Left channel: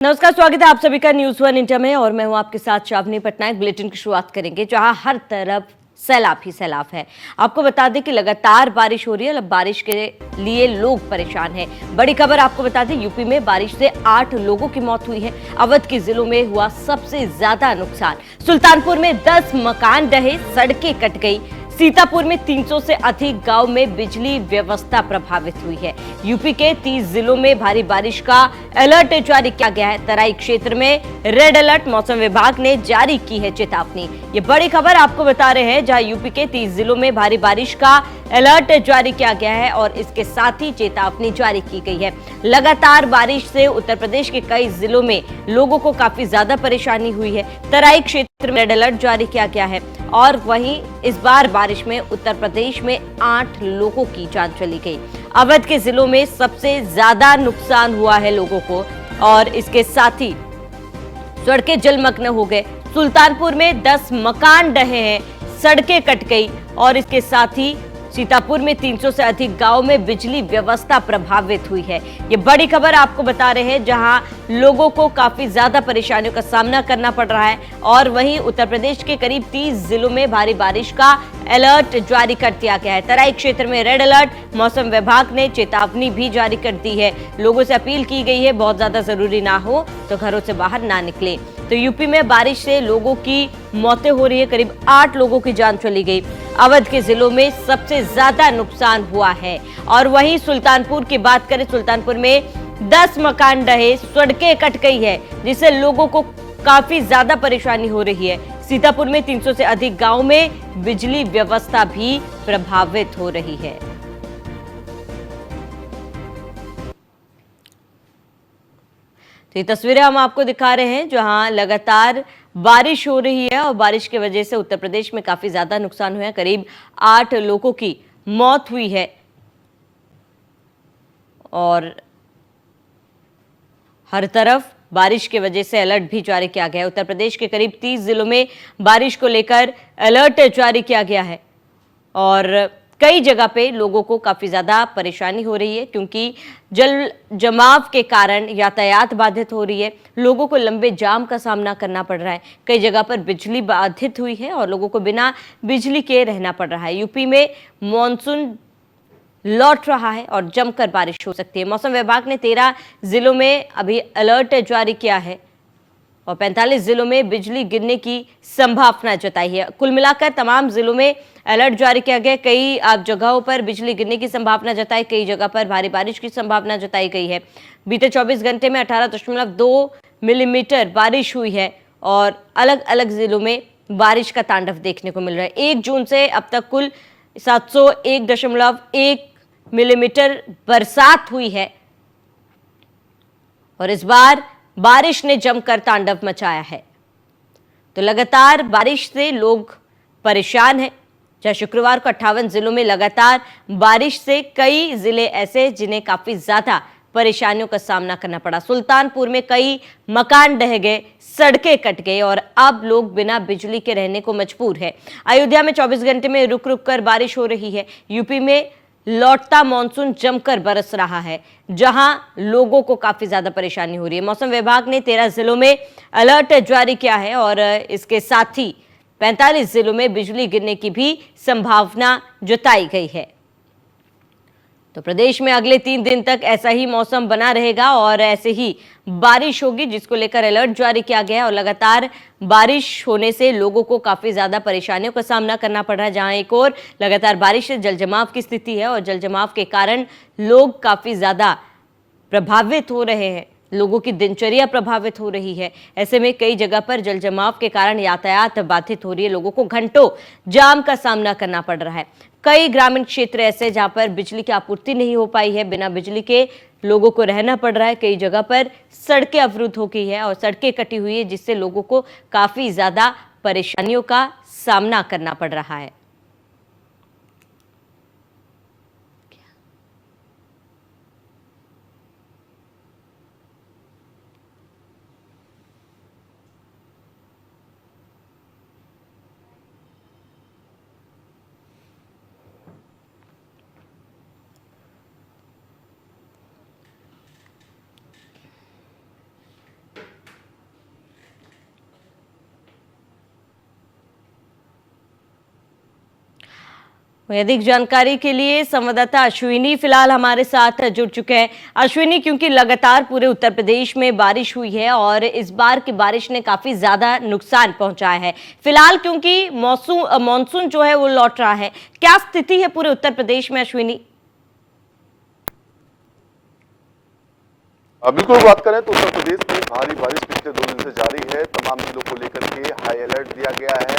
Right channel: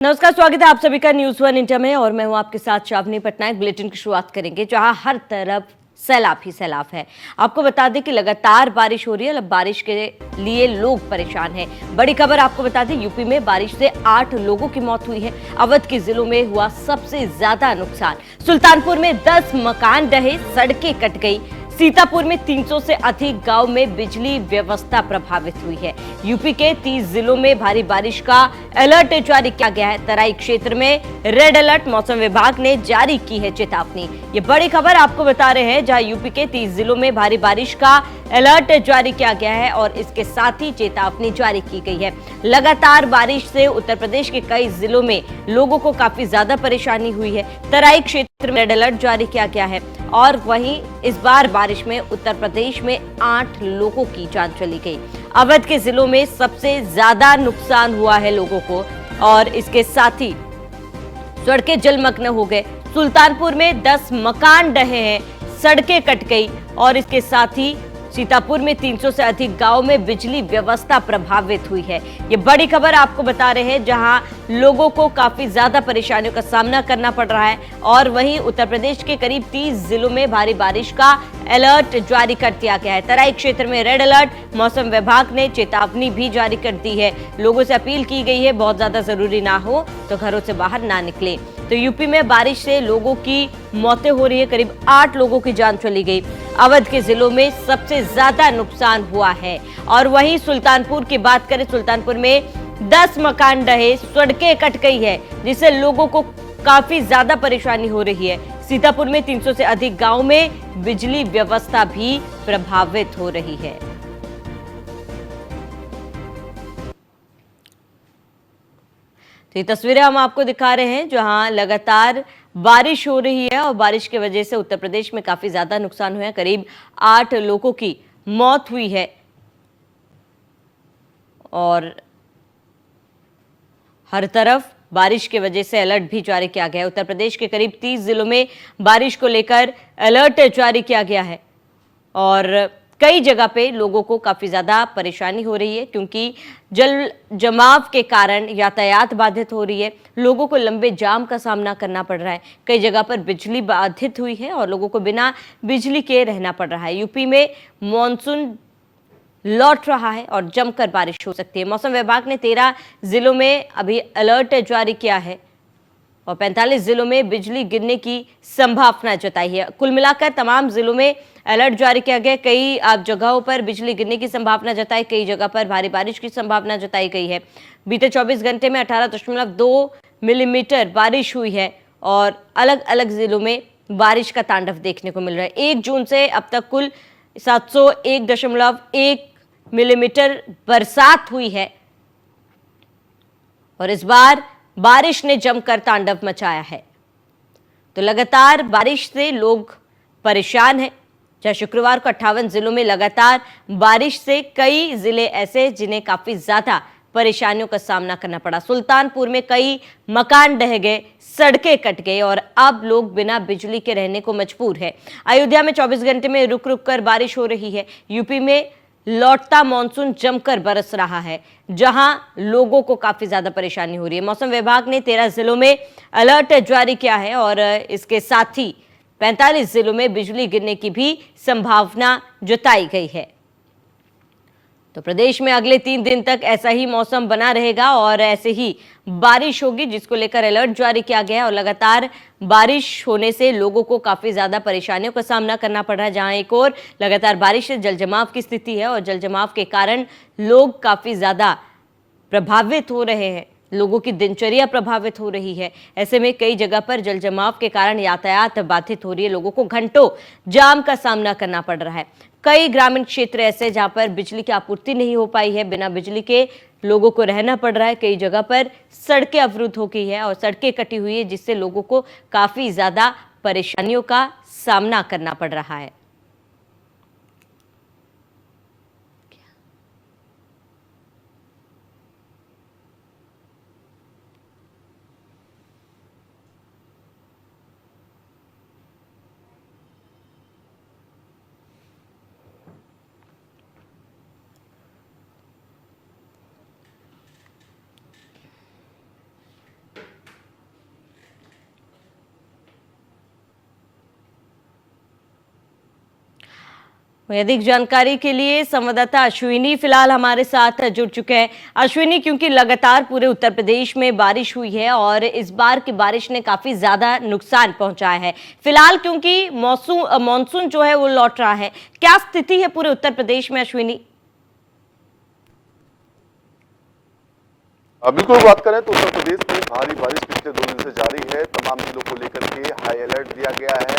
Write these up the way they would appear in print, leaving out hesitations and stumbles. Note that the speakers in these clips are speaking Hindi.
नमस्कार, स्वागत है आप सभी का न्यूज वन इंडिया में और मैं हूं आपके साथ शावनी पटनायक। बुलेटिन की शुरुआत करेंगे जहां हर तरफ सैलाब ही सैलाब है। आपको बता दें कि लगातार बारिश हो रही है। अब बारिश के लिए लोग परेशान हैं। बड़ी खबर आपको बता दें, यूपी में बारिश से 8 लोगों की मौत हुई है। अवध के जिलों में हुआ सबसे ज्यादा नुकसान। सुल्तानपुर में 10 मकान ढहे, सड़कें कट गई। सीतापुर में 300 से अधिक गांव में बिजली व्यवस्था प्रभावित हुई है। यूपी के 30 जिलों में भारी बारिश का अलर्ट जारी किया गया है। तराई क्षेत्र में रेड अलर्ट मौसम विभाग ने जारी की है चेतावनी। ये बड़ी खबर आपको बता रहे हैं, जहां यूपी के 30 जिलों में भारी बारिश का अलर्ट जारी किया गया है और इसके साथ ही चेतावनी जारी की गई है। लगातार बारिश से उत्तर प्रदेश के कई जिलों में लोगों को काफी ज्यादा परेशानी हुई है। तराई क्षेत्र में रेड अलर्ट जारी किया गया है और वहीं इस बार बारिश में उत्तर प्रदेश में 8 लोगों की जान चली गई। अवध के जिलों में सबसे ज्यादा नुकसान हुआ है लोगों को और इसके साथ ही सड़कें जलमग्न हो गए। सुल्तानपुर में 10 मकान ढहे हैं, सड़कें कट गई और इसके साथ ही सीतापुर में 300 से अधिक गांव में बिजली व्यवस्था प्रभावित हुई है। ये बड़ी खबर आपको बता रहे हैं, जहां लोगों को काफी ज्यादा परेशानियों का सामना करना पड़ रहा है और वहीं उत्तर प्रदेश के करीब 30 जिलों में भारी बारिश का अलर्ट जारी कर दिया गया है। तराई क्षेत्र में रेड अलर्ट, मौसम विभाग ने चेतावनी भी जारी कर दी है। लोगों से अपील की गई है, बहुत ज्यादा जरूरी ना हो तो घरों से बाहर ना निकले। तो यूपी में बारिश से लोगों की मौतें हो रही है, करीब 8 लोगों की जान चली गई। अवध के जिलों में सबसे ज्यादा नुकसान हुआ है और वहीं सुल्तानपुर की बात करें, सुल्तानपुर में 10 मकान ढहे, सड़कें कट गई है, जिससे लोगों को काफी ज्यादा परेशानी हो रही है। सीतापुर में 300 से अधिक गांव में बिजली व्यवस्था भी प्रभावित हो रही है। तो ये तस्वीरें हम आपको दिखा रहे हैं, जहां लगातार बारिश हो रही है और बारिश की वजह से उत्तर प्रदेश में काफी ज्यादा नुकसान हुआ है। करीब 8 लोगों की मौत हुई है और हर तरफ बारिश की वजह से अलर्ट भी जारी किया गया है। उत्तर प्रदेश के करीब 30 जिलों में बारिश को लेकर अलर्ट जारी किया गया है और कई जगह पे लोगों को काफी ज्यादा परेशानी हो रही है, क्योंकि जल जमाव के कारण यातायात बाधित हो रही है। लोगों को लंबे जाम का सामना करना पड़ रहा है। कई जगह पर बिजली बाधित हुई है और लोगों को बिना बिजली के रहना पड़ रहा है। यूपी में मानसून लौट रहा है और जमकर बारिश हो सकती है। मौसम विभाग ने 13 जिलों में अभी अलर्ट जारी किया है और 45 जिलों में बिजली गिरने की संभावना जताई है। कुल मिलाकर तमाम जिलों में अलर्ट जारी किया गया। कई जगहों पर बिजली गिरने की संभावना जताई, कई जगह पर भारी बारिश की संभावना जताई गई है। बीते 24 घंटे में 18.2 मिलीमीटर बारिश हुई है और अलग अलग जिलों में बारिश का तांडव देखने को मिल रहा है। 1 जून से अब तक कुल 701.1 मिलीमीटर बरसात हुई है और इस बार बारिश ने जमकर तांडव मचाया है। तो लगातार बारिश से लोग परेशान हैं। जहां शुक्रवार को 58 जिलों में लगातार बारिश से कई जिले ऐसे जिन्हें काफी ज्यादा परेशानियों का सामना करना पड़ा। सुल्तानपुर में कई मकान ढह गए, सड़कें कट गई और अब लोग बिना बिजली के रहने को मजबूर है। अयोध्या में 24 घंटे में रुक रुक कर बारिश हो रही है। यूपी में लौटता मानसून जमकर बरस रहा है, जहां लोगों को काफी ज्यादा परेशानी हो रही है। मौसम विभाग ने 13 जिलों में अलर्ट जारी किया है और इसके साथ ही 45 जिलों में बिजली गिरने की भी संभावना जताई गई है। तो प्रदेश में अगले 3 दिन तक ऐसा ही मौसम बना रहेगा और ऐसे ही बारिश होगी, जिसको लेकर अलर्ट जारी किया गया है और लगातार बारिश होने से लोगों को काफी ज्यादा परेशानियों का सामना करना पड़ रहा है। जहां एक और लगातार बारिश से जलजमाव की स्थिति है और जलजमाव के कारण लोग काफी ज्यादा प्रभावित हो रहे हैं, लोगों की दिनचर्या प्रभावित हो रही है। ऐसे में कई जगह पर जलजमाव के कारण यातायात बाधित हो रही है, लोगों को घंटों जाम का सामना करना पड़ रहा है। कई ग्रामीण क्षेत्र ऐसे जहां पर बिजली की आपूर्ति नहीं हो पाई है, बिना बिजली के लोगों को रहना पड़ रहा है। कई जगह पर सड़कें अवरुद्ध हो गई है और सड़कें कटी हुई है, जिससे लोगों को काफी ज्यादा परेशानियों का सामना करना पड़ रहा है। अधिक जानकारी के लिए संवाददाता अश्विनी फिलहाल हमारे साथ जुड़ चुके हैं। अश्विनी, क्योंकि लगातार पूरे उत्तर प्रदेश में बारिश हुई है और इस बार की बारिश ने काफी ज्यादा नुकसान पहुंचाया है। फिलहाल क्योंकि मॉनसून जो है वो लौट रहा है, क्या स्थिति है पूरे उत्तर प्रदेश में अश्विनी? बिल्कुल बात करें तो उत्तर प्रदेश में भारी बारिश पिछले 2 दिन से जारी है। तमाम जिलों को लेकर के हाई अलर्ट दिया गया है।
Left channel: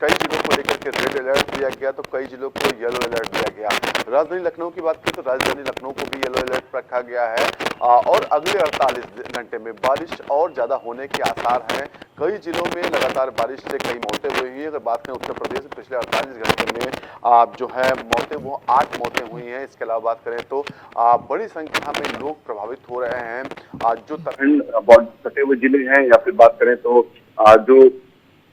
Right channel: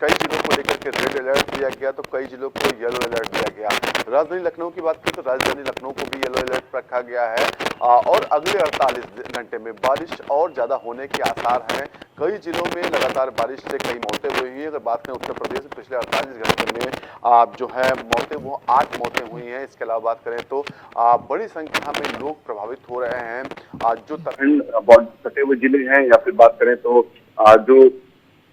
कई जिलों को लेकर के रेड अलर्ट दिया गया तो कई जिलों को येलो अलर्ट दिया गया। राजधानी लखनऊ की बात करें तो राजधानी लखनऊ को भी येलो अलर्ट रखा गया है। और अगले 48 घंटे में बारिश और ज्यादा होने के आसार हैं। कई जिलों में लगातार बारिश से कई मौतें हुई हैं। अगर बात करें उत्तर प्रदेश में पिछले 48 घंटे में जो है मौतें वो 8 मौतें हुई हैं। इसके अलावा बात करें तो बड़ी संख्या में लोग प्रभावित हो रहे हैं। आज जो सटे हुए जिले हैं या फिर बात करें तो जो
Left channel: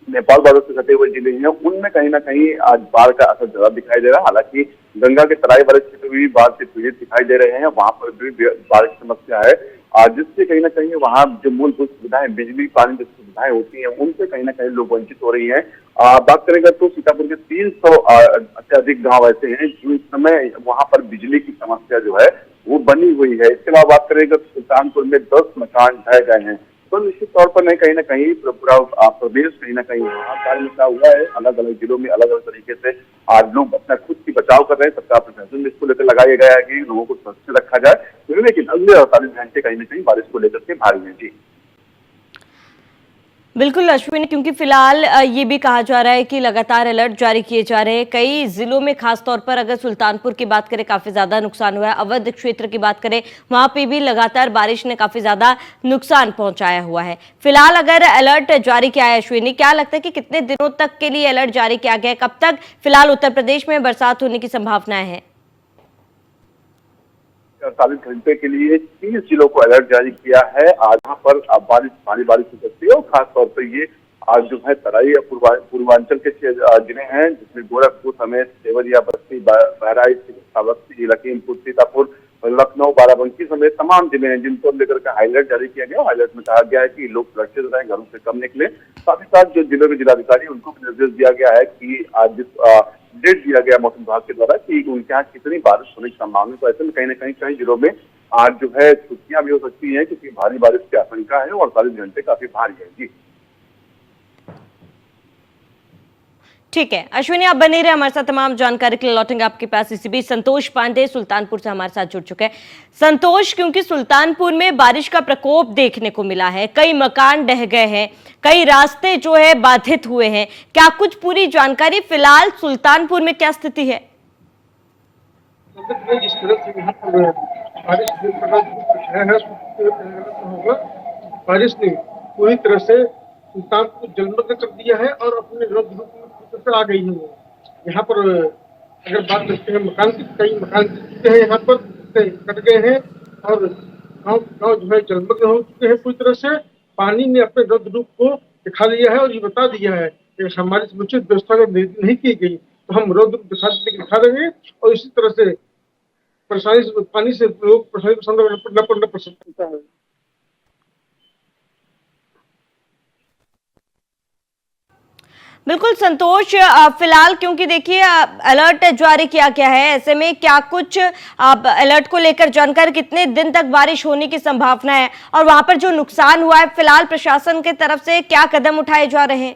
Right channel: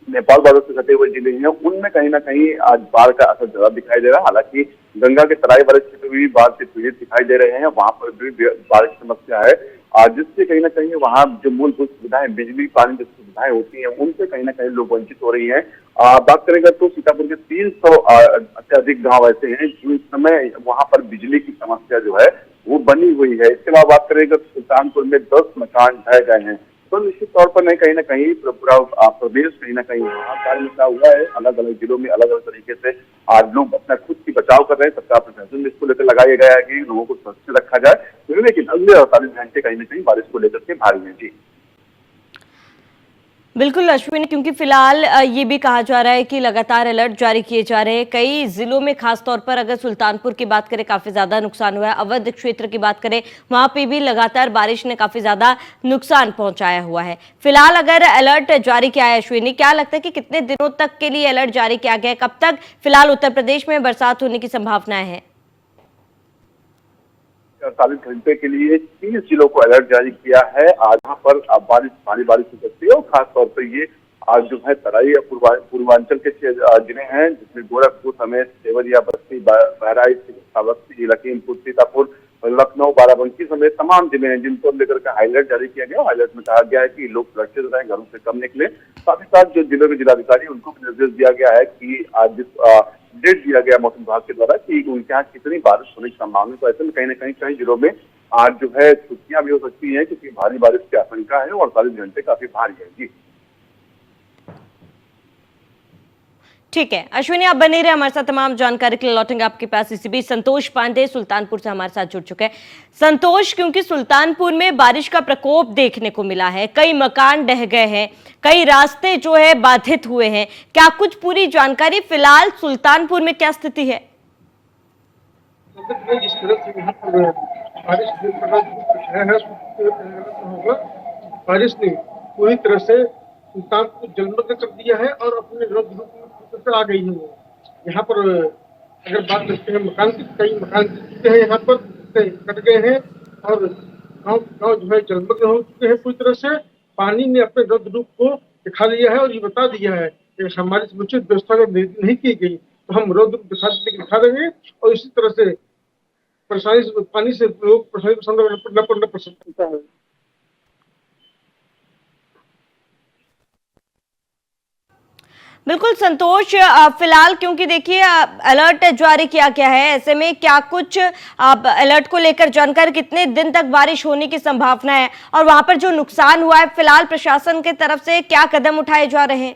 नेपाल बॉर्डर से सटे हुए जिले हैं उनमें कहीं ना कहीं आज बाढ़ का असर ज्यादा दिखाई दे रहा है। हालांकि गंगा के तराई वाले क्षेत्र भी बाढ़ से पीड़ित दिखाई दे रहे हैं, वहां पर भी बाढ़ की समस्या है। जिससे कहीं ना कहीं वहाँ जो मूलभूत सुविधाएं, बिजली पानी जो सुविधाएं होती हैं उनसे कहीं ना कहीं लोग वंचित हो रही हैं। बात करेंगे तो सीतापुर के 300 से अधिक गांव ऐसे हैं जिस समय वहां पर बिजली की समस्या जो है वो बनी हुई है। इसके अलावा बात करेंगे तो सुल्तानपुर में 10 मकान ढह गए हैं। तो निश्चित तौर पर नहीं कहीं ना कहीं पूरा प्रदेश कहीं ना कहीं हाहाकार मचा हुआ है। अलग अलग जिलों में अलग अलग तरीके से आज लोग अपना खुद की बचाव कर रहे हैं। सरकार प्रशासन में इसको लेकर लगाया गया है कि लोगों को सुरक्षित रखा जाए, लेकिन अगले 48 घंटे कहीं ना कहीं बारिश को लेकर के भारी है। जी बिल्कुल अश्विनी, क्योंकि फिलहाल ये भी कहा जा रहा है कि लगातार अलर्ट जारी किए जा रहे हैं कई जिलों में। खासतौर पर अगर सुल्तानपुर की बात करें, काफी ज्यादा नुकसान हुआ है। अवध क्षेत्र की बात करें, वहां पे भी लगातार बारिश ने काफी ज्यादा नुकसान पहुंचाया हुआ है। फिलहाल अगर अलर्ट जारी किया है अश्विनी, क्या लगता है कि कितने दिनों तक के लिए अलर्ट जारी किया गया है? कब तक फिलहाल उत्तर प्रदेश में बरसात होने की संभावनाएं हैं? 48 घंटे के लिए 30 जिलों को अलर्ट जारी किया है। आज यहाँ पर बारिश भारी बारिश हो सकती है और खासतौर पर ये आज जो है तराई या पूर्वांचल के जिले हैं जिसमें गोरखपुर समेत देवरिया, बस्ती, बहराइच, श्रावस्ती, लखीमपुर, सीतापुर, लखनऊ, बाराबंकी समेत तमाम जिले हैं जिनको लेकर के हाईलाइट जारी किया गया। हाईलाइट में कहा गया है कि लोग सुरक्षित रहें, घरों से कम निकले। साथ ही साथ जो जिलों के जिलाधिकारी उनको भी निर्देश दिया गया है कि आज डेट दिया गया मौसम विभाग के द्वारा कि उनके यहाँ कितनी बारिश होने की संभावना। तो ऐसे में कहीं ना कहीं कई जिलों में आज जो है छुट्टियां भी हो सकती हैं क्योंकि भारी बारिश की आशंका है और 48 घंटे काफी भारी है। जी ठीक है अश्विनी, आप बने रहे हमारे साथ। तमाम जानकारी के लिए लौटेंगे आपके पास। इसी बीच संतोष पांडे सुल्तानपुर से हमारे साथ जुड़ चुके हैं। संतोष, क्योंकि सुल्तानपुर में बारिश का प्रकोप देखने को मिला है, कई मकान ढह गए हैं, कई रास्ते जो है बाधित हुए हैं, क्या कुछ पूरी जानकारी फिलहाल सुल्तानपुर में क्या स्थिति है? जिस तरह से यहाँ पर बारिश बारिश ने पूरी तरह से सुल्तान को जलमग्न कर दिया है और अपने रूप आ गई है। वो यहाँ पर अगर बात करते हैं मकान की, कई मकान टूटे हैं, यहाँ पर कट गए हैं और गाँव गाँव जो है जलमग्न हो चुके हैं पूरी तरह से। पानी ने अपने रौद्र रूप को दिखा दिया है और ये बता दिया है कि हमारी समुचित व्यवस्था अगर नहीं की गई तो हम रौद्र दिखा देंगे और इसी तरह से परेशानी पानी से लोग परेशानी का सामना न पड़ सकता है। बिल्कुल संतोष, फिलहाल क्योंकि देखिए अलर्ट जारी किया गया है, ऐसे में क्या कुछ अलर्ट को लेकर जानकारी, कितने दिन तक बारिश होने की संभावना है और वहां पर जो नुकसान हुआ है फिलहाल प्रशासन की तरफ से क्या कदम उठाए जा रहे हैं?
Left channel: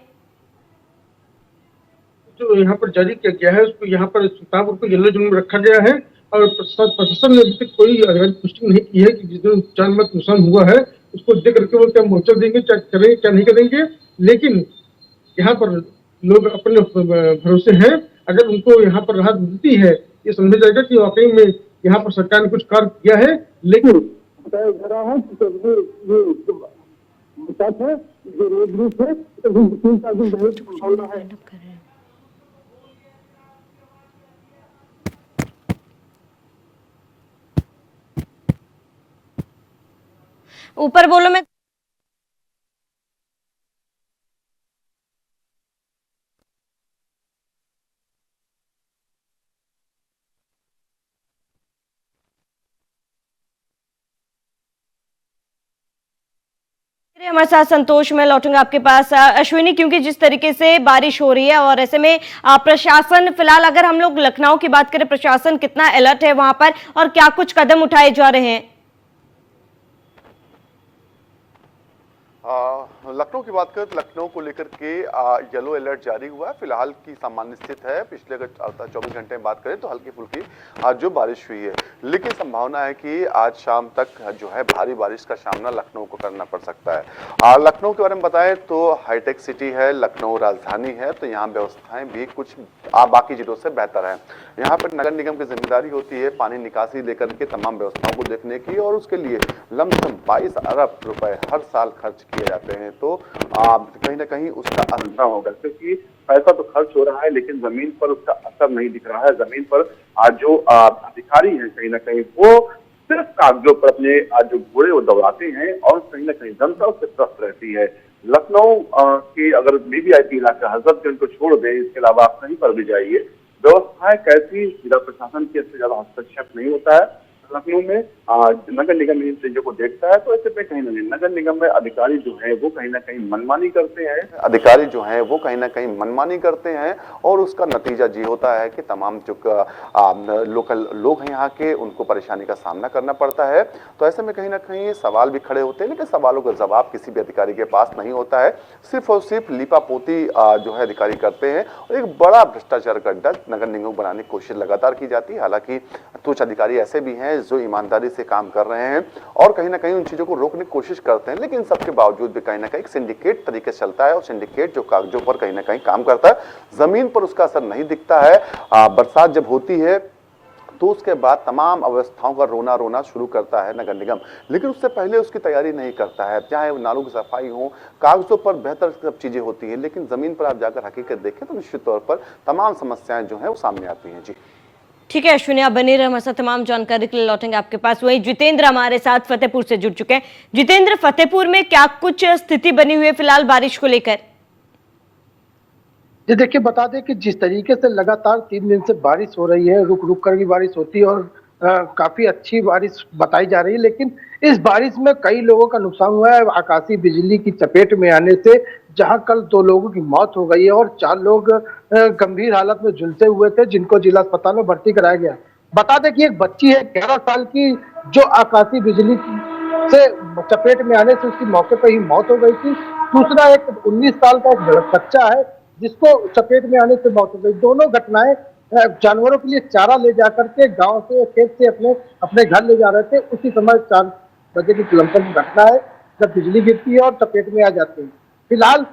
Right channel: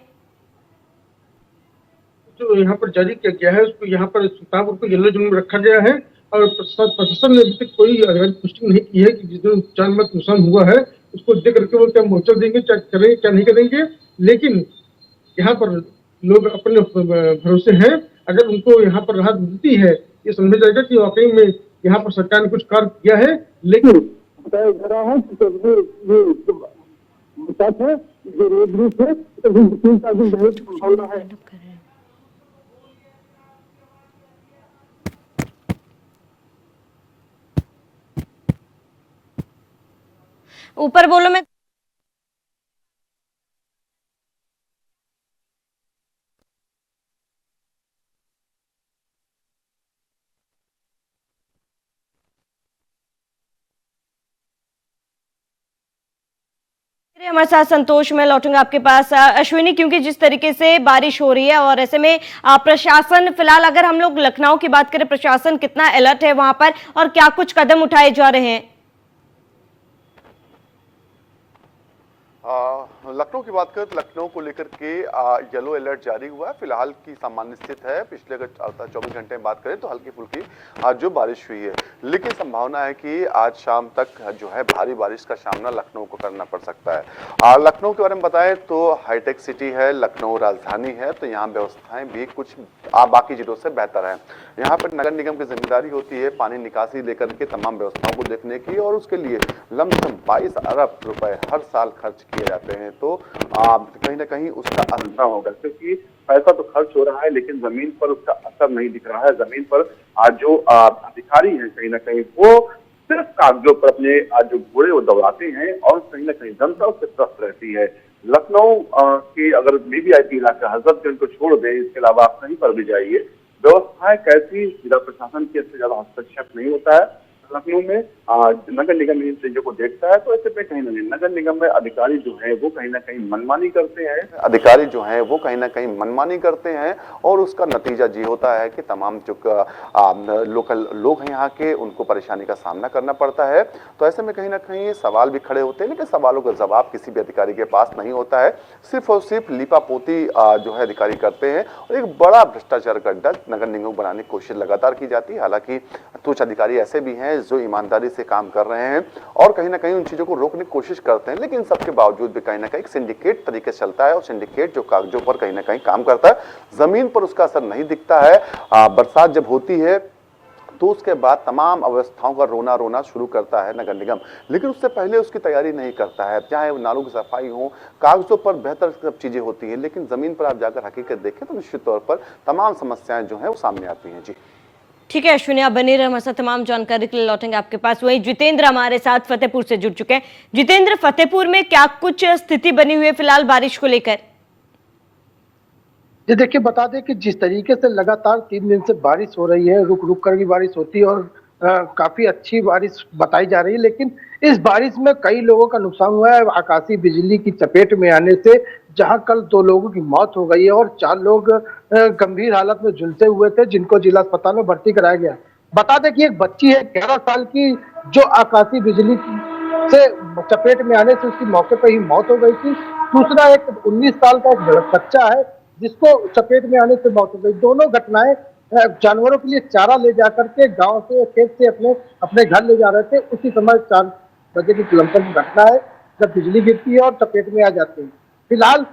जो यहाँ पर जारी किया गया है उसको यहाँ पर सुल्तानपुर को येलो जोन में रखा गया है और प्रशासन ने अभी तक कोई पुष्टि नहीं की है कि जितने जान माल नुकसान हुआ है उसको देख करके वो क्या मुआवजा देंगे, क्या करेंगे क्या नहीं करेंगे। लेकिन यहाँ पर लोग अपने भरोसे हैं। अगर उनको यहाँ पर राहत मिलती है ये समझा जाएगा कि वाकई में यहाँ पर सरकार ने कुछ कार्य किया है। लेकिन बताया जा रहा है कि बचाव है जो रोड रूप है संभावना है। ऊपर बोलो, मैं हमारे साथ संतोष, मैं लौटूंगा आपके पास। अश्विनी, क्योंकि जिस तरीके से बारिश हो रही है और ऐसे में प्रशासन, फिलहाल अगर हम लोग लखनऊ की बात करें, प्रशासन कितना अलर्ट है वहां पर और क्या कुछ कदम उठाए जा रहे हैं? लखनऊ की बात करें तो लखनऊ को लेकर के येलो अलर्ट जारी हुआ है। फिलहाल की सामान्य स्थिति है। पिछले अगर 24 घंटे में बात करें तो हल्की फुल्की आज जो बारिश हुई है, लेकिन संभावना है कि आज शाम तक जो है भारी बारिश का सामना लखनऊ को करना पड़ सकता है। लखनऊ के बारे में बताएं तो हाईटेक सिटी है, लखनऊ राजधानी है, तो यहाँ व्यवस्थाएं भी कुछ बाकी जिलों से बेहतर है। यहाँ पर नगर निगम की जिम्मेदारी होती है पानी निकासी लेकर के तमाम व्यवस्थाओं को देखने की, और उसके लिए लमसम 22 अरब रुपए हर साल खर्च किए जाते हैं। तो कहीं ना कहीं उसका अंतर होगा, क्योंकि पैसा तो खर्च हो रहा है लेकिन जमीन पर उसका असर नहीं दिख रहा है। जमीन पर आज जो अधिकारी हैं कहीं ना कहीं वो सिर्फ कागजों पर अपने जो घोड़े वो दौड़ाते हैं, और कहीं ना कहीं जनता उससे त्रस्त रहती है। लखनऊ के अगर वीवीआईपी इलाका हजरतगंज को छोड़ दें, इसके अलावा आप कहीं पर भी जाइए, व्यवस्थाएं कैसी, जिला प्रशासन की इससे ज्यादा हस्तक्षेप नहीं होता है। लखनऊ में नगर निगम इन चीजों को देखता है, तो ऐसे पे कहीं ना कहीं नगर निगम में अधिकारी जो है वो कहीं ना कहीं मनमानी करते हैं, और उसका नतीजा ये होता है कि तमाम जो लोकल लोग हैं यहाँ के, उनको परेशानी का सामना करना पड़ता है। तो ऐसे में कहीं ना कहीं सवाल भी खड़े होते हैं, लेकिन सवालों का जवाब किसी भी अधिकारी के पास नहीं होता है। सिर्फ और सिर्फ लीपापोती जो है अधिकारी करते हैं, और एक बड़ा भ्रष्टाचार का अड्डा नगर निगम बनाने की कोशिश लगातार की जाती है। हालांकि कुछ अधिकारी ऐसे भी हैं जो ईमानदारी से काम कर रहे हैं और कहीं ना कहीं उन चीजों को रोकने की कोशिश करते हैं, लेकिन सबके बावजूद भी कहीं ना कहीं एक सिंडिकेट तरीके से चलता है, और सिंडिकेट जो कागजों पर कहीं ना कहीं काम करता है, जमीन पर उसका असर नहीं दिखता है। बरसात जब होती है तो उसके बाद तमाम अवस्थाओं का रोना रोना शुरू करता है नगर निगम, लेकिन उससे पहले उसकी तैयारी नहीं करता है। चाहे नालों की सफाई हो, कागजों पर बेहतर सब चीजें होती हैं, लेकिन जमीन पर आप जाकर हकीकत देखें तो निश्चित तौर पर तमाम समस्याएं जो है वो सामने आती हैं। जी ठीक है अश्विनी, आप बने रहे, हमारे साथ तमाम जानकारी के लिए लौटेंगे आपके पास। वहीं जितेंद्र हमारे साथ फतेहपुर से जुड़ चुके हैं। जितेंद्र, फतेहपुर में क्या कुछ स्थिति बनी हुई है फिलहाल बारिश को लेकर? ये देखिए, बता दें कि जिस तरीके से लगातार 3 दिन से बारिश हो रही है, रुक रुक कर भी बारिश होती है, और काफी अच्छी बारिश बताई जा रही है, लेकिन इस बारिश में कई लोगों का नुकसान हुआ है आकाशीय बिजली की चपेट में आने से, जहां कल 2 लोगों की मौत हो गई है और 4 लोग गंभीर हालत में झुलसे हुए थे, जिनको जिला अस्पताल में भर्ती कराया गया। बता दें कि एक बच्ची है 11 साल की, जो आकाशीय बिजली से चपेट में आने से उसकी मौके पर ही मौत हो गई थी। दूसरा एक 19 साल का एक बच्चा है, जिसको चपेट में आने से मौत हो गई। दोनों घटनाएं जानवरों के लिए चारा ले जाकर के गांव से, खेत से अपने घर ले जा रहे थे। उसी समय 4 बजे की लमसम घटना है जब बिजली गिरती है और चपेट में आ जाती है। फिलहाल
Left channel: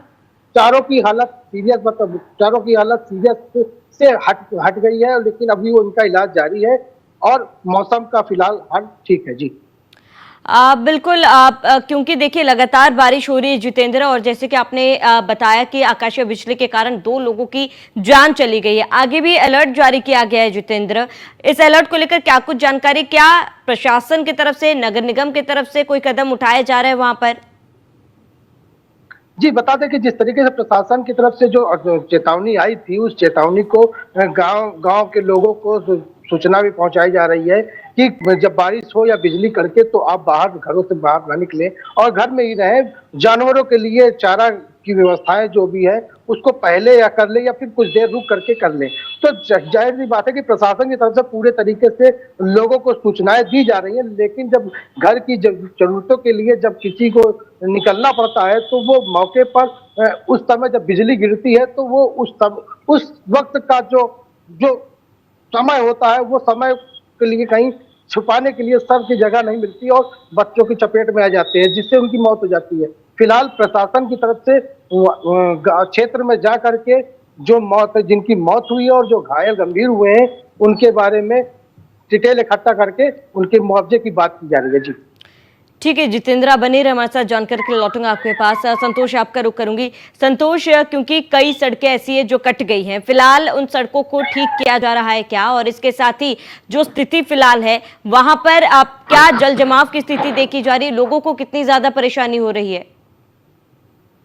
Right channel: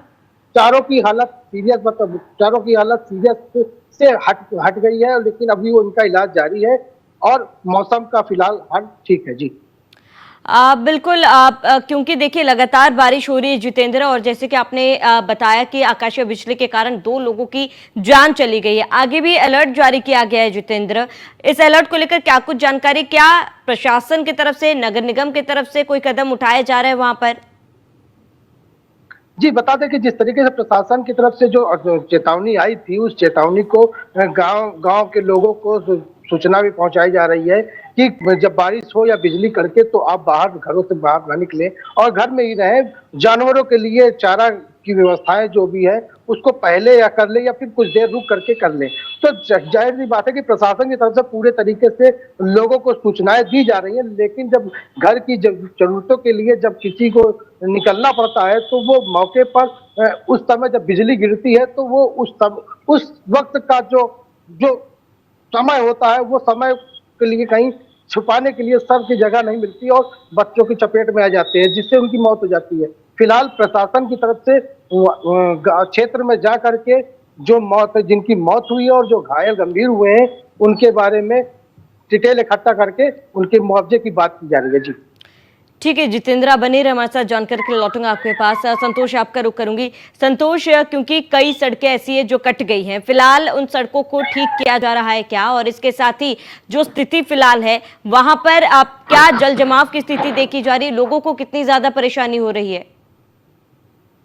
चारों की हालत सीरियस से हट गई है, लेकिन अभी वो उनका इलाज जारी है, और मौसम का फिलहाल हाल ठीक है। जी बिल्कुल, क्योंकि देखिए लगातार बारिश हो रही है जितेंद्र, और जैसे कि आपने बताया कि आकाशीय बिजली के कारण 2 लोगों की जान चली गई है। आगे भी अलर्ट जारी किया गया है जितेंद्र, इस अलर्ट को लेकर क्या कुछ जानकारी, क्या प्रशासन की तरफ से, नगर निगम की तरफ से कोई कदम उठाए जा रहे हैं वहां पर? जी, बता दें कि जिस तरीके से प्रशासन की तरफ से जो चेतावनी आई थी, उस चेतावनी को गांव के लोगों को सूचना भी पहुंचाई जा रही है कि जब बारिश हो या बिजली कड़के तो आप घरों से बाहर ना निकलें और घर में ही रहें। जानवरों के लिए चारा की व्यवस्थाएं जो भी है उसको पहले या कर ले या फिर कुछ देर रुक करके कर ले। तो जाहिर सी बात है कि प्रशासन की तरफ से पूरे तरीके से लोगों को सूचनाएं दी जा रही है, लेकिन जब घर की जरूरतों के लिए जब किसी को निकलना पड़ता है तो वो मौके पर उस समय जब बिजली गिरती है तो वो उस वक्त का जो समय होता है, वो समय के लिए कहीं छुपाने के लिए सर की जगह नहीं मिलती और बच्चों की चपेट में आ जाते हैं, जिससे उनकी मौत हो जाती है। फिलहाल प्रशासन की तरफ से क्षेत्र में जा करके जिनकी मौत हुई है और जो घायल गंभीर हुए हैं, उनके बारे में डिटेल इकट्ठा करके उनके मुआवजे की बात की जा रही है। जी ठीक है जितेंद्र, बने रहे हमारे साथ, जानकारी के लिए लौटूंगा आपके पास। संतोष, आपका रुख करूंगी। संतोष, क्योंकि कई सड़कें ऐसी है जो कट गई हैं, फिलहाल उन सड़कों को ठीक किया जा रहा है क्या, और इसके साथ ही जो स्थिति फिलहाल है वहां पर आप क्या जल जमाव की स्थिति देखी जा रही है, लोगों को कितनी ज्यादा परेशानी हो रही है?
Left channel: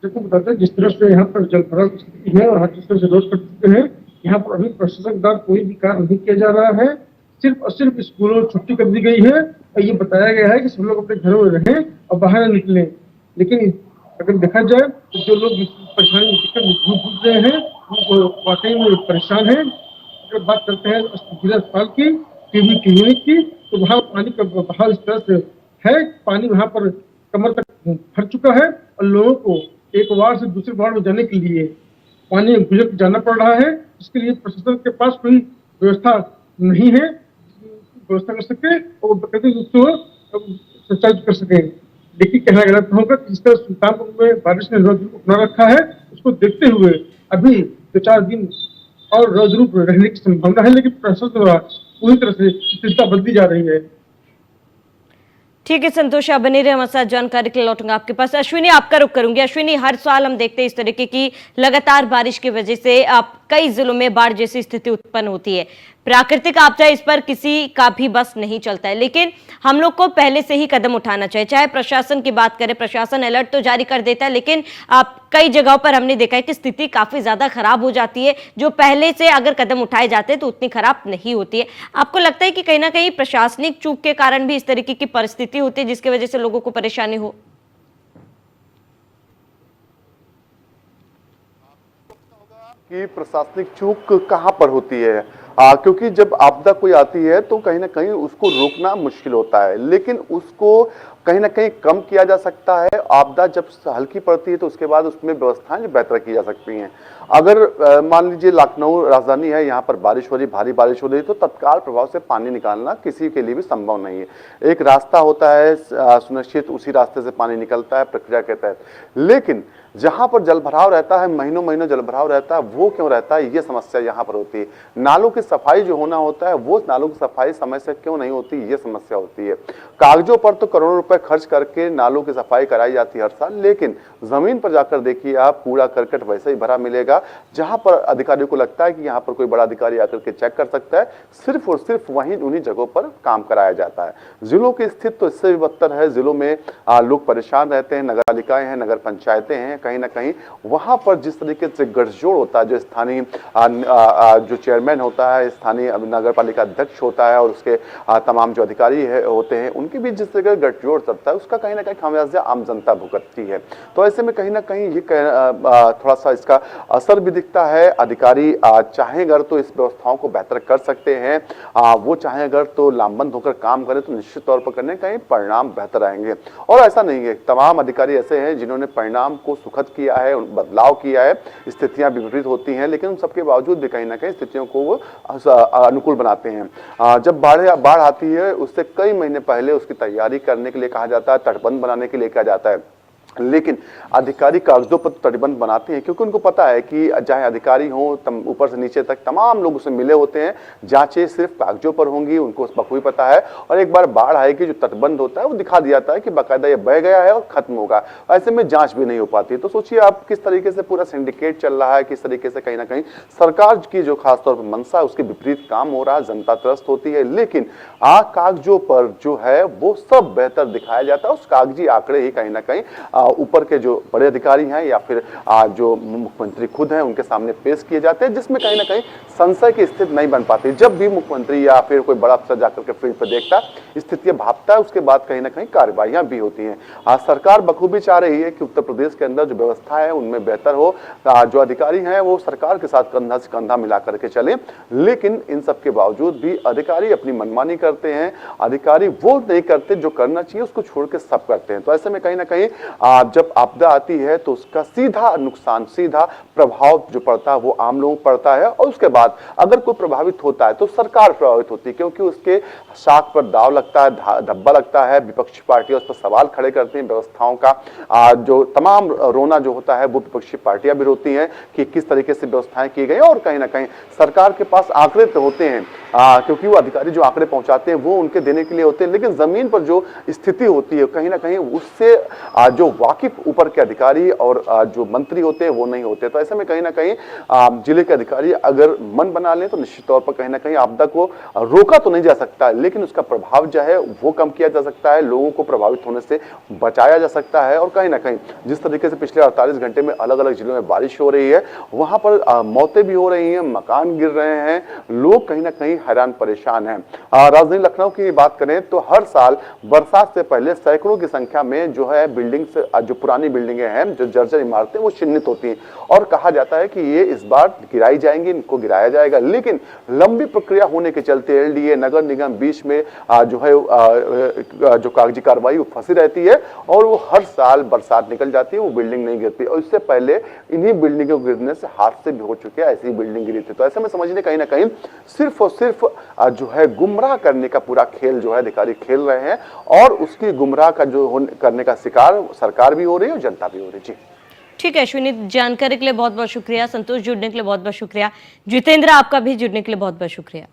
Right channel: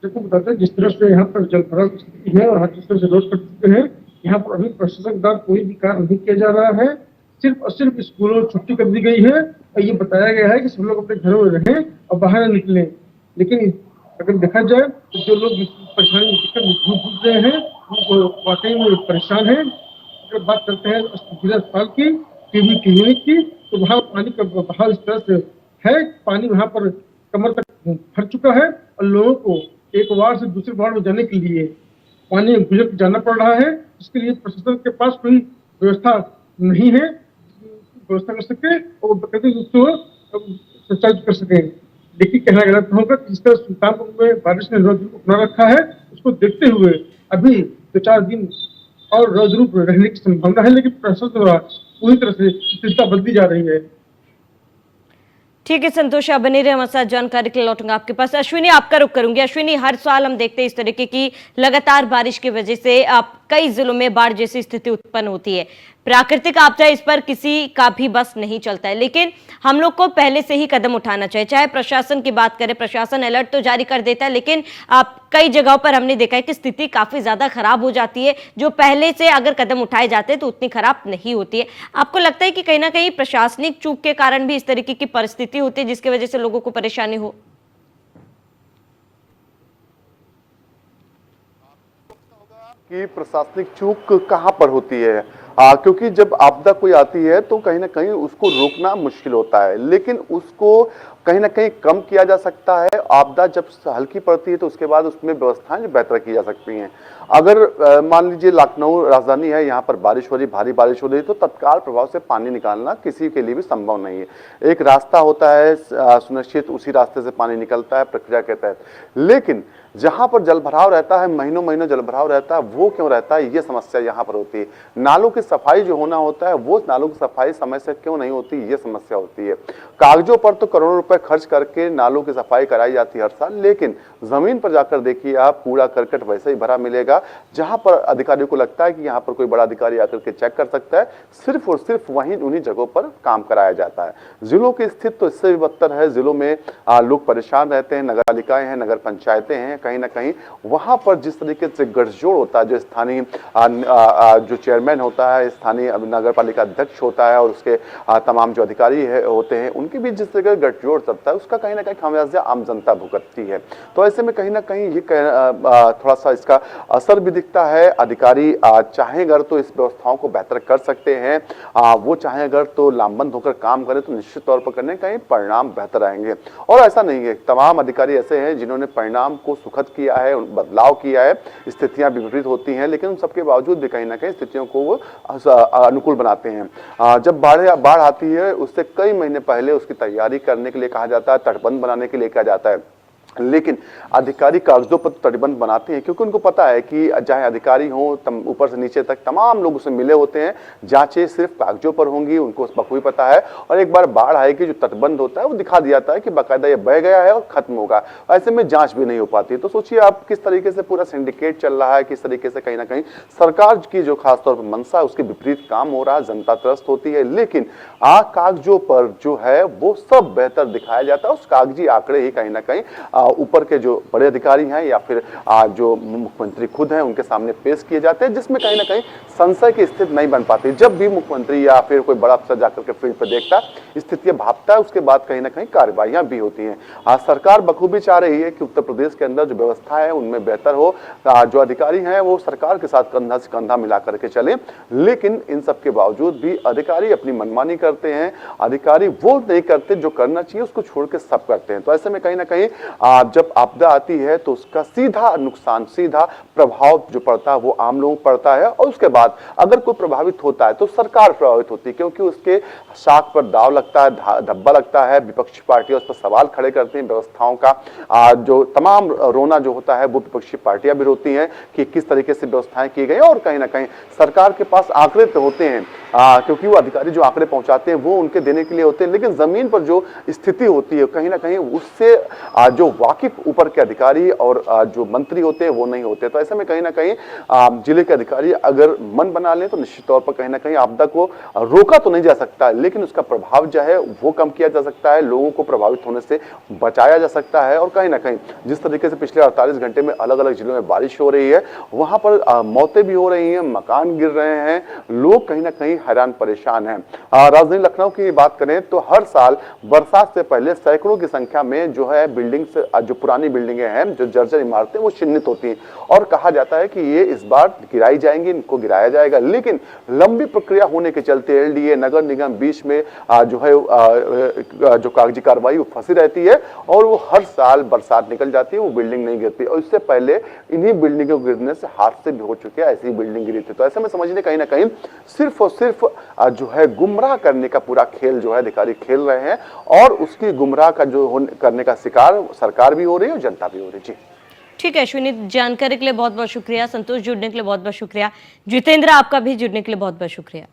देखो, जिस तरह से यहाँ पर जल भराव स्थिति है और जिस तरह से रोड कट चुके हैं, यहाँ पर अभी प्रशासन द्वारा कोई भी कार्य नहीं किया जा रहा है। सिर्फ और सिर्फ स्कूलों में छुट्टी कर दी गई है और ये बताया गया है कि सब लोग अपने घरों में रहें और बाहर निकलें। लेकिन अगर देखा जाए तो जो लोग इस परेशानी में जूझ रहे हैं वो वाकई में परेशान है। अगर बात करते हैं जिला अस्पताल की, टीबी क्लिनिक की, तो वहाँ पानी का बहाव इस तरह से है, पानी वहाँ पर कमर तक भर चुका है और लोगों को एक वार्ड से दूसरे वार्ड में जाने के लिए पानी में गुजर जाना पड़ रहा है। इसके लिए प्रशासन के पास कोई व्यवस्था नहीं है, व्यवस्था कर सके और प्रकृति रूप से संचालित कर सके। देखिए कहना गलत होगा कि जिस तरह सुल्तानपुर में बारिश ने रौद्र रूप अपना रखा है, उसको देखते हुए अभी 2-4 दिन और रौद्र रूप रहने की संभावना है, लेकिन प्रशासन द्वारा पूरी तरह से स्थिरता बदली जा रही है। ठीक है संतोष, आप बने रहे हमारे साथ, जानकारी के लिए लौटूंगा आपके पास। अश्विनी, आपका रुख करूंगी। अश्विनी, हर साल हम देखते हैं इस तरीके की लगातार बारिश की वजह से आप कई जिलों में बाढ़ जैसी स्थिति उत्पन्न होती है। प्राकृतिक आपदा, इस पर किसी का भी बस नहीं चलता है, लेकिन हम लोग को पहले से ही कदम उठाना चाहिए। चाहे प्रशासन की बात करें, प्रशासन अलर्ट तो जारी कर देता है, लेकिन आप कई जगहों पर हमने देखा है कि स्थिति काफी ज्यादा खराब हो जाती है। जो पहले से अगर कदम उठाए जाते हैं तो उतनी खराब नहीं होती है। आपको लगता है कि कहीं ना कहीं प्रशासनिक चूक के कारण भी इस तरीके की परिस्थिति होती है जिसकी वजह से लोगों को परेशानी हो? कि प्रशासनिक चूक कहाँ पर होती है, क्योंकि जब आपदा कोई आती है तो कहीं ना कहीं उसको रोकना मुश्किल होता है, लेकिन उसको कहीं ना कहीं कम किया जा सकता है। आपदा जब हल्की पड़ती है तो उसके बाद उसमें व्यवस्थाएं जो बेहतर की जा सकती हैं। अगर मान लीजिए लखनऊ राजधानी है, यहाँ पर बारिश हो रही, भारी बारिश हो रही, तो तत्काल प्रभाव से पानी निकालना किसी के लिए भी संभव नहीं है। एक रास्ता होता है सुनिश्चित, उसी रास्ते से पानी निकलता है प्रक्रिया के तहत। लेकिन जहां पर जलभराव रहता है, महीनों महीनों जलभराव रहता है, वो क्यों रहता है, ये समस्या यहाँ पर होती है। नालों की सफाई जो होना होता है, वो नालों की सफाई समय से क्यों नहीं होती, ये समस्या होती है। कागजों पर तो करोड़ों रुपए खर्च करके नालों की सफाई कराई जाती है हर साल, लेकिन जमीन पर जाकर देखिए आप, कूड़ा करकट वैसे ही भरा मिलेगा। जहां पर अधिकारियों को लगता है कि यहाँ पर कोई बड़ा अधिकारी आकर के चेक कर सकता है, सिर्फ और सिर्फ वहीं उन्हीं जगहों पर काम कराया जाता है। जिलों की स्थिति तो इससे भी बदतर है। जिलों में लोग परेशान रहते हैं, नगर पालिकाएं हैं, नगर पंचायतें हैं, कहीं ना कहीं वहां पर जिस तरीके से गठजोड़ होता है, जो स्थानीय जो चेयरमैन होता है, स्थानीय नगर पालिका अध्यक्ष होता है और उसके तमाम जो अधिकारी होते हैं, उनके बीच जिस तरह का गठजोड़ चलता है, उसका कहीं ना कहीं खामियाजा आम जनता भुगतती है। तो ऐसे में कहीं ना कहीं ये थोड़ा सा इसका असर भी दिखता है। अधिकारी चाहें अगर तो इस व्यवस्थाओं को बेहतर कर सकते हैं, वो चाहें अगर तो लामबंद होकर काम करें तो निश्चित तौर पर करने कहीं परिणाम बेहतर आएंगे। और ऐसा नहीं है, तमाम अधिकारी ऐसे हैं जिन्होंने परिणाम को सुखद किया है, बदलाव किया है। स्थितियां विपरीत होती हैं, लेकिन उन सबके बावजूद भी कहीं ना कहीं स्थितियों को वो अनुकूल बनाते हैं। जब बाढ़ आती है, उससे कई महीने पहले उसकी तैयारी करने के लिए कहा जाता है, तटबंध बनाने के लिए कहा जाता है, लेकिन अधिकारी कागजों पर तटबंध बनाते हैं, क्योंकि उनको पता है कि चाहे अधिकारी हो ऊपर से नीचे तक तमाम लोग उससे मिले होते हैं, जांचें सिर्फ कागजों पर होंगी, उनको बखूबी पता है। और एक बार बाढ़ आएगी, जो तटबंध होता है वो दिखा दिया जाता है कि बाकायदा ये बह गया है और खत्म होगा। ऐसे में जांच भी नहीं हो पाती। तो सोचिए आप किस तरीके से पूरा सिंडिकेट चल रहा है, किस तरीके से कहीं ना कहीं सरकार की जो खासतौर पर मंशा है उसके विपरीत काम हो रहा है, जनता त्रस्त होती है। लेकिन कागजों पर जो है वो सब बेहतर दिखाया जाता है, उस कागजी आंकड़े ही कहीं ना कहीं ऊपर के जो बड़े अधिकारी हैं या फिर जो मुख्यमंत्री खुद हैं उनके सामने पेश किए जाते हैं, जिसमें कहीं ना कहीं संशय की स्थिति नहीं बन पाती। जब भी मुख्यमंत्री या फिर कोई बड़ा अफसर जाकर के फील्ड पर देखता है, स्थितियां भापता है, उसके बाद कहीं ना कहीं कार्रवाइयां भी होती हैं। आज सरकार बखूबी चाह रही है कि उत्तर प्रदेश के अंदर जो व्यवस्था है उनमें बेहतर हो, जो अधिकारी हैं वो सरकार के साथ कंधा से कंधा मिला करके चले। लेकिन इन सब के बावजूद भी अधिकारी अपनी मनमानी करते हैं। अधिकारी वो नहीं करते जो करना चाहिए, उसको छोड़ के सब करते हैं। तो ऐसे में कहीं ना कहीं जब आपदा आती है तो उसका सीधा नुकसान, सीधा प्रभाव जो पड़ता है वो आम लोगों को पड़ता है। और उसके बाद अगर कोई प्रभावित होता है तो सरकार प्रभावित होती है, क्योंकि उसके साख पर दाव लगता है, धब्बा लगता है। विपक्षी पार्टियां उस पर सवाल खड़े करती हैं। व्यवस्थाओं का जो तमाम रोना जो होता है वो विपक्षी पार्टियां भी रोती हैं कि किस तरीके से व्यवस्थाएं की गई। और कहीं ना कहीं सरकार के पास आंकड़े तो होते हैं, क्योंकि वो अधिकारी जो आंकड़े पहुंचाते हैं वो उनके देने के लिए होते हैं, लेकिन जमीन पर जो स्थिति होती है कहीं ना कहीं उससे जो वाकिफ ऊपर के अधिकारी और जो मंत्री होते हैं वो नहीं होते। तो ऐसे में कहीं ना कहीं जिले के अधिकारी अगर मन बना लें तो निश्चित तौर पर कहीं ना कहीं आपदा को रोका तो नहीं जा सकता है, लेकिन उसका प्रभाव जो है वो कम किया जा सकता है, लोगों को प्रभावित होने से बचाया जा सकता है। और कहीं ना कहीं जिस तरीके से पिछले 48 घंटे में अलग अलग जिलों में बारिश हो रही है, वहां पर मौतें भी हो रही हैं, मकान गिर रहे हैं, लोग कहीं ना कहीं हैरान परेशान हैं। राजधानी लखनऊ की बात करें तो हर साल बरसात से पहले सैकड़ों की संख्या में जो है बिल्डिंग्स जो पुरानी बिल्डिंगें हैं, जो जर्जर इमारतें, वो चिन्हित होती हैं और कहा जाता है कि ये इस बार गिराई जाएंगी, इनको गिराया जाएगा। लेकिन लंबी प्रक्रिया होने के चलते एलडीए, नगर निगम बीच में जो है जो कागजी कार्रवाई वो फंसी रहती है और वो हर साल बरसात निकल जाती है, वो बिल्डिंग नहीं गिरती। और इससे पहले इन्हीं बिल्डिंगों के गिरने से हादसे भी हो चुके हैं, ऐसी बिल्डिंग गिरी थी। तो ऐसे में समझिए कहीं ना कहीं सिर्फ और सिर्फ जो है गुमराह करने का पूरा खेल जो है अधिकारी खेल रहे हैं और उसकी गुमराह का जो करने का शिकार सरकार भी हो रही है और जनता भी हो रही है। जी ठीक है अश्विनी, जानकारी के लिए बहुत बहुत शुक्रिया। संतोष, जुड़ने के लिए बहुत बहुत शुक्रिया। जितेंद्र, आपका भी जुड़ने के लिए बहुत बहुत शुक्रिया।